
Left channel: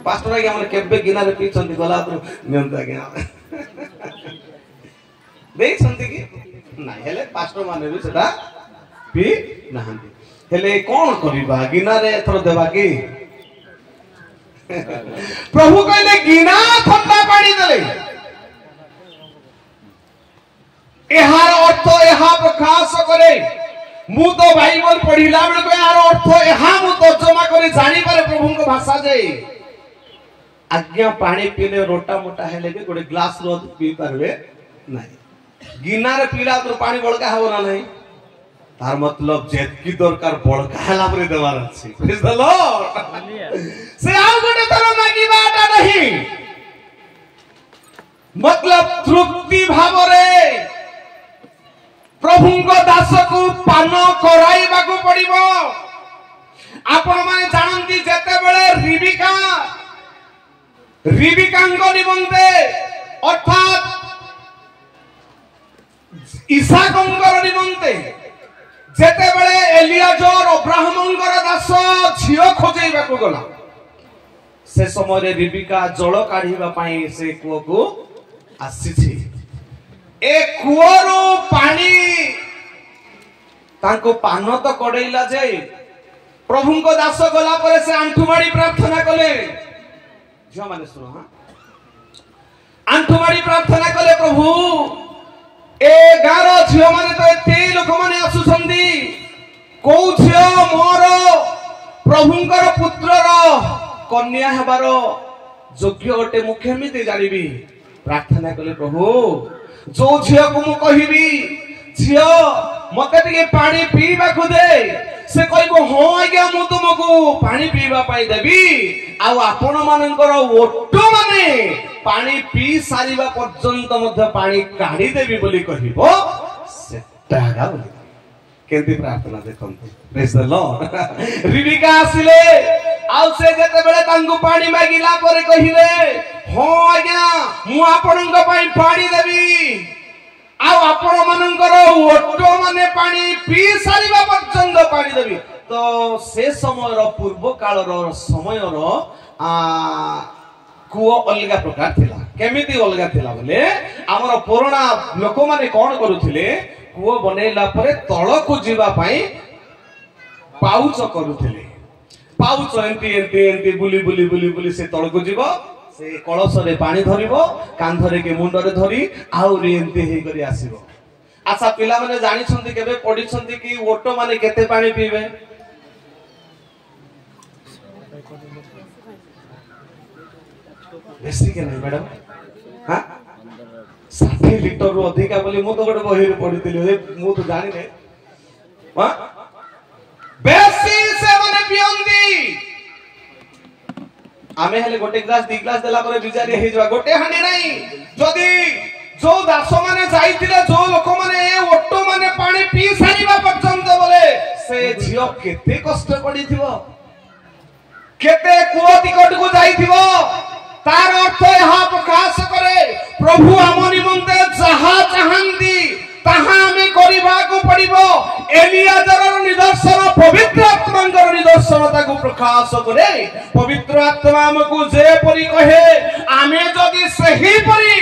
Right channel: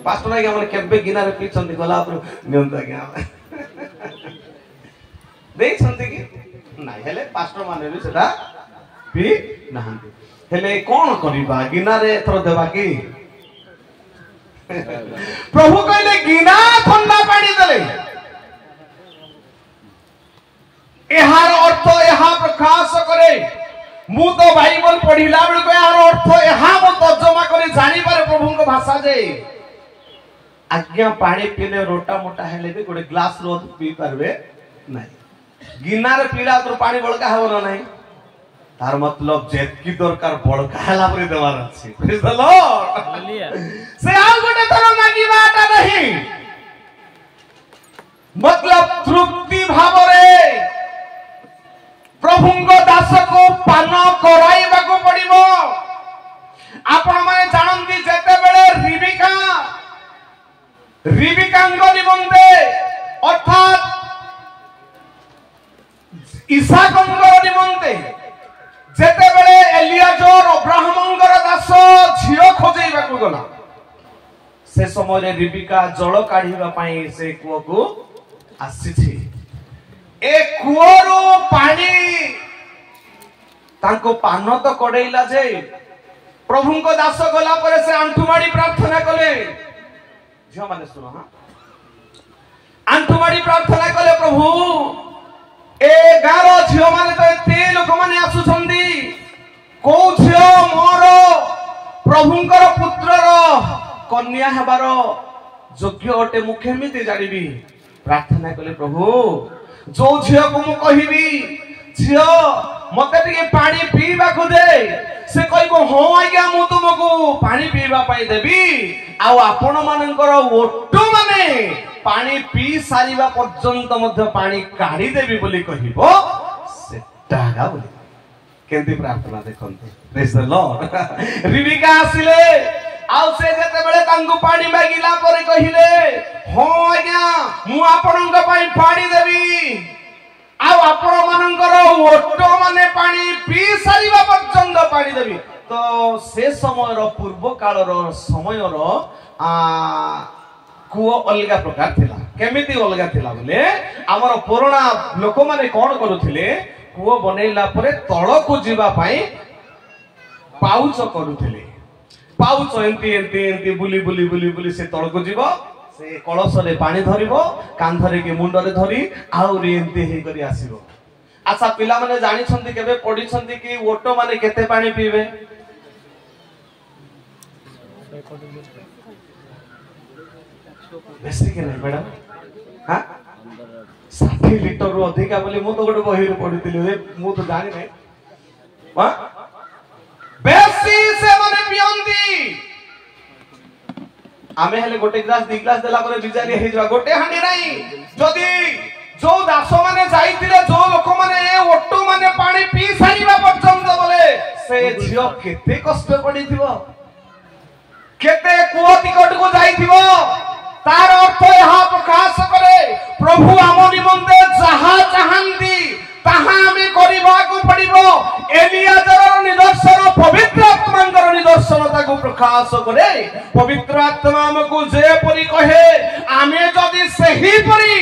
पास्टर आगे हमर केबे गिनारे पीछन गला तो नियंता गया देख संति की ना हेले पास्टर माने भी सेटा पी नहांती हेले कोन करिबा गिनारे थरो देबा की प्रभु कहले गिना ठंडा पानी देले एहार अर्थ एहा प्रकाश करे मु तो बाइबल पढिला बेल को एहार अर्थ एहा मु तर्जमा करी जानि पारे प्रभु को भाषा जे आज्ञा पानी पीले रोटा मोटा हेले भी गोटे ग्लास रो पी पारबे नाही गिना रे पीला तो पानी बळका हो ना नाही तार मतलब जेतकी दरकार बळका हला परे देवार अछि प्रेज द लॉर्ड से आ गोटे तर मागी बाटा नहीं मतलब तृप्ति भाव रे प्रभु को दास को पान कराइबा को पड़िबो आपण माने जानंती जेते बेले रिबिकांगो निमंते अर्थात इसाकंगर निमंते जेते बेले एलियाजर अब्राहमंगर दास झियो खोजेइबा को गला से समय रे रिबिका जल काढिबा पई से कुओ को आसीछि ए कुओरो पानी ताको पान तो कडेइला जे प्रभु को दास गला परे से आंठुमाडी प्रार्थना कले झियो माने सुनो हां आंठुमाडी प्रार्थना कले प्रभु ए गारो झियो माने तो एते लोक माने आसु छंदी को झियो मोर प्रभुंकर पुत्रर कन्या हेबारो योग्य अटे मु केमिति जानिबी प्रार्थना कले प्रभु जो झियो को मु कहिबी झियो मते टिके पानी पीबा को दे से कहबो हो आज्ञा मु तुमको पानी पीबा पाई देबी आ आपण मानकर ओटो माने पानी पी सारिबा पर्यंत मध्य पानी काढी देबी बोली कहिबो सेटा गा बोली केंति प्रार्थना देखंतु प्रेज द लॉर्ड रिबिका आसिले आउ से जेते बेले तांगु पानी मागिला परे कहिले हो आज्ञा मु आपणक पई पानी देबी आ आपण मानकर ओटो माने पानी पी सारिबा पर्यंत पानी देबी तो से समयर पूर्व कालर समयर कुओ अलगा प्रकार थिला केमिति अलगा थिला बोले हमर पुराना लोक माने कोन करूथिले कुओ बनेला परे तळ को जीवा पई पाउच करूथिले पाउच एंती एंती एंती बुली बुली बुली बुली से तळ को जीवो से कलश रे पानी धरिबो कांधरे के मुंड रे धरी आउरी एंती हे करी आसीबो अच्छा पिला माने जानि छंती केबे पढि छंती कि ओटो माने केते पानी पीबे बेसी के नहीं मैडम हां 60 लीटर रो अधिका बोली मु तो गोटे बही रे पढितिले मु तो जानि नै हां बेसी से माने पियंती आमे हेले गोटे ग्लास दी ग्लास देला परे बिजारी हे जवा गोटे हांडी नाही जदी जो दास माने जाईतिले जो लोक माने ओटो माने पानी पी सारिबा पर्यंत बोले से झियो केते कष्ट पडिथिबो केते कुओ टिकट को जाईथिबो तार अर्थ यहा प्रकाश करे प्रभु आम निमंते जहा चाहंती ताहा हमें करिबा को पड़िबो एलियाजर निदर्शन पवित्र आत्मांकर निदर्शन ताकू प्रकाश करे पवित्र आत्मा हमकु जे परि कहे आमे जदी सही परि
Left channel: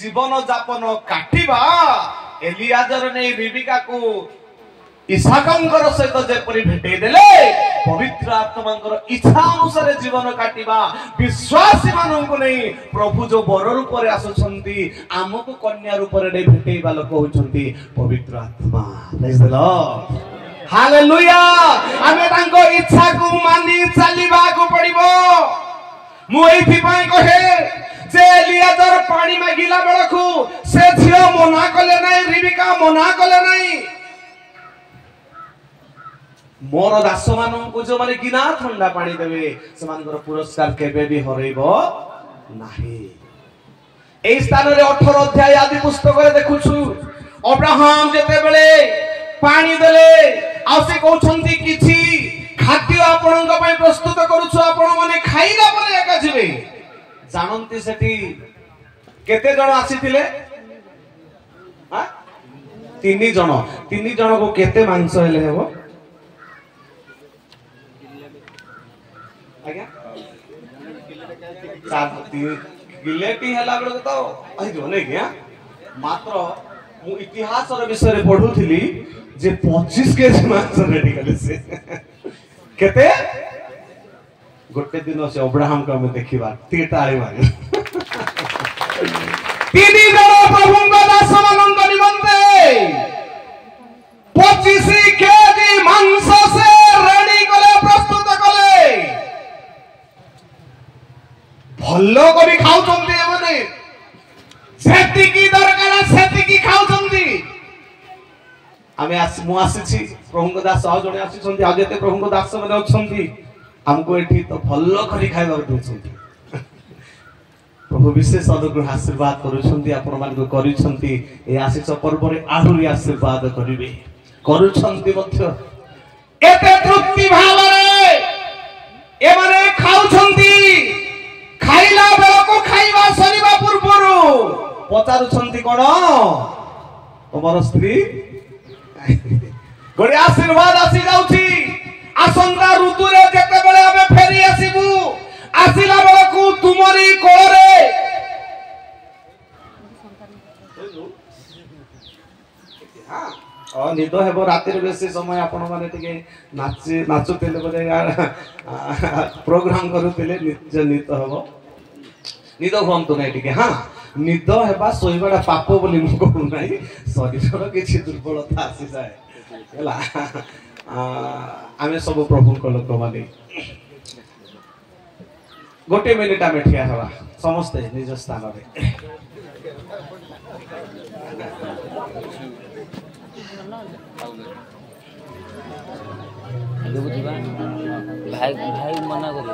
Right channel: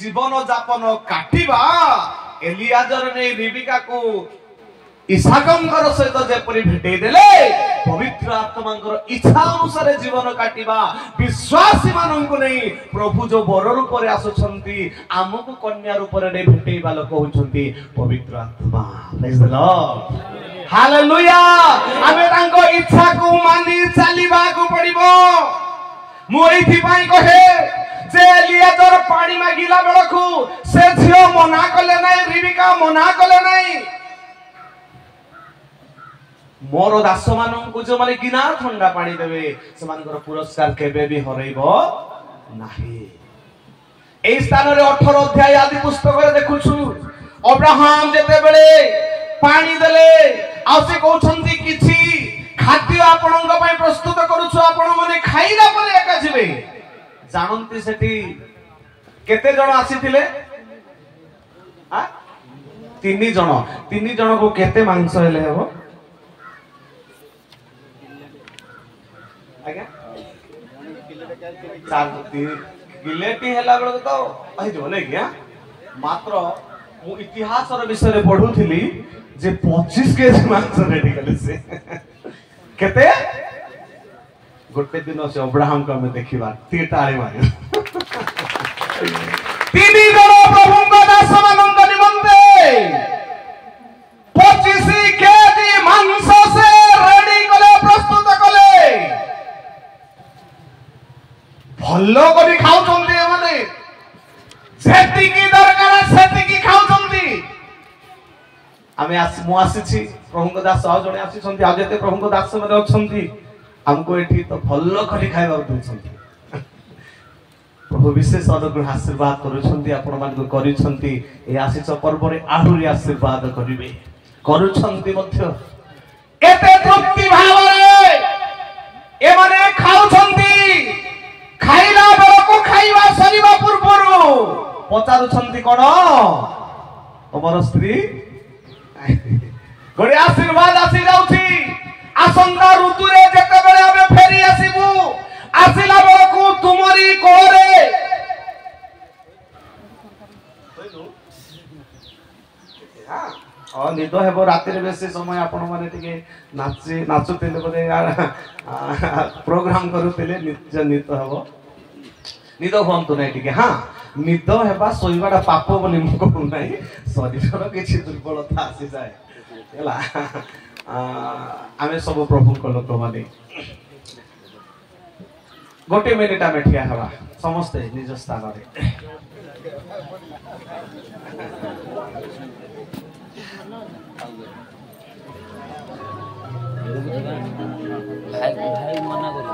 जीवन यापन काटिबा एलियाजर ने रिबिका को इसाकंकर सहित जेपरि भेटै देले पवित्र आत्मांकर इच्छा अनुसार जीवन काटिबा विश्वासी माननको नै प्रभु जो वर रूप रे आसुछंती आमको कन्या रूप रे भेटैबा लोक होछंती पवित्र आत्मा प्रेज द लॉर्ड हालेलुया आमे तांको इच्छा को मानि चालिबा को पड़िबो मु एथि पई कहे जे एलियाजर पानी मागिला बेलखु से झियो मना कले नै रिबिका मना कले नै मोर दास माननको जो माने गिना ठंडा पानी देबे समानकर पुरस्कार केबे भी हरैबो नाही ए स्थान रे 18 अध्याय आदि पुस्तक रे देखुछु अब्राहम जेते बेले पानी देले आ से कहउछंती किछि खाद्य आपणक पय प्रस्तुत करूछु आपण माने खाइला परे एका जिवे जानंती सेठी केते जण आसीथिले 3 जण 3 जण को केते मांस हेले हबो आज्ञा 4 किलेटी हेला बेले तो आई जो नै कि मात्र मु इतिहास रो विषय रे पढुथिली जे 25 केजी मांस रेडी कले से केते गोटे दिन से अब्राहम को हमें देखिबा तीटा आइ मारे 3 जण प्रभु का दास मानंद निमंते 25 केजी मांस से रेडी कले प्रस्तुत कले भल्लो करी खाउछन्ती एमाने सेतिकी दरकार सेतिकी खाउछन्ती आमे मु आसीछि प्रभु को दास आ जणे आसीछन्ती आजेते प्रभु को दास माने अछन्ती हमको एठी तो भल्लो करी खाइबा देछन्ती प्रभु विशेष अनुग्रह आशीर्वाद करूछन्ती आपण मान को करिछन्ती ए आशीष पर्व रे आहुरी आशीर्वाद करिवे करूछन्ती मध्य एते तृप्ति भाव रे ए माने खाउछन्ती खाइला बेला को खाइबा सरीबा पूर्वरु पचारुछन्ती कोन तमर स्त्री गोटे आशीर्वाद आसी जाउछि आसंता ऋतु रे जेते बेले हमें फेरी आसीबु आसिला बेला को तुमरी कोरे हां निदो हेबो राती रे बेसी समय आपण माने टिके नाचुतेले बोले प्रोग्राम करूतेले निद हेबो निद भंतु नै टिके हां निद हेबा सोइबाडा पाप बोली मु कहू नै शरीर किछि दुर्बलता आसी जाय ହେଲା ଆମେ ସବୁ ପ୍ରଭୁଙ୍କ ଲୋକମାନେ गोटे मिनिट आमे ठिया हेबा समस्ते निज स्थान रे भाई भाई मना करी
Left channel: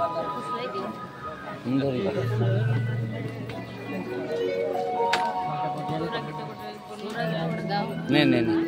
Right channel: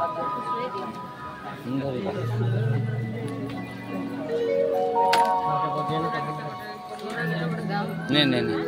नहीं नहीं नहीं